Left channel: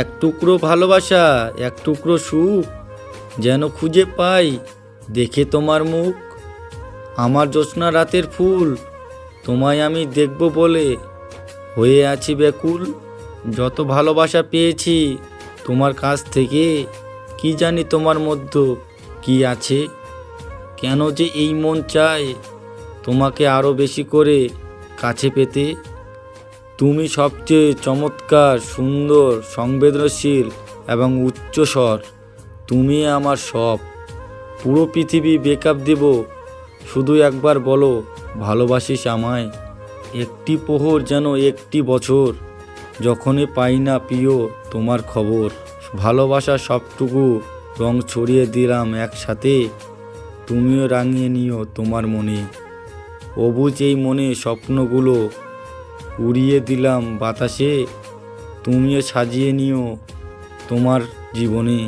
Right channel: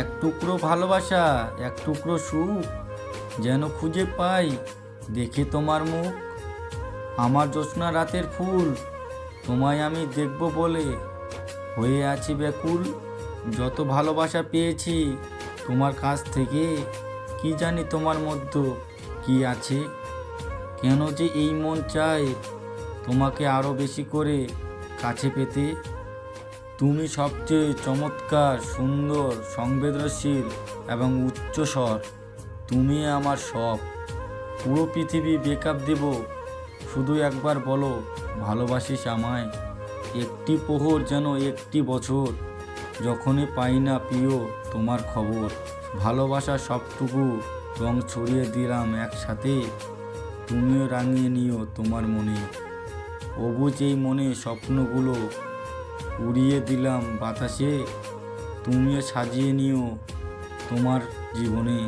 এক টুকরো ভালোবাসা, এক টুকরো সুখ যেন খুঁজে পাই দেখে তোমার মুখ। আমার জ্যোৎস্না রাতের ফুল, তোমায় আমি দেখব বলে হয়ে আছি ব্যাকুল। যত ভালোবাসা পেয়েছি তোমার কাছ থেকে, কি জানি তোমার মধ্যে কি আছে। কেন যে এই মন চায় তোমাকে আরও বেশি করে কাছে পেতে। তুমি সবচেয়ে চমৎকার, সুন্দর, সংবেদনশীল এবং উচ্চস্বর। তুমি আমার সব। পুরো পৃথিবী ব্রেকআপ দেব, শুধু একবার বলো ভালোবাসিস আমায়। একটি প্রহর যেন একটি বছর, যখনই পাই না প্রিয় তোমার খবর। ভালোবাসার সবটুকু রং ছড়িয়ে দিলাম একসাথে, তুমিও রাঙিয়ে নিও তোমার মনে। অবুঝ এই মনে স্বপ্নগুলো উড়িয়ে দিলাম বাতাসে, তুমিও সাজিয়ে নিও তোমার জীবনে।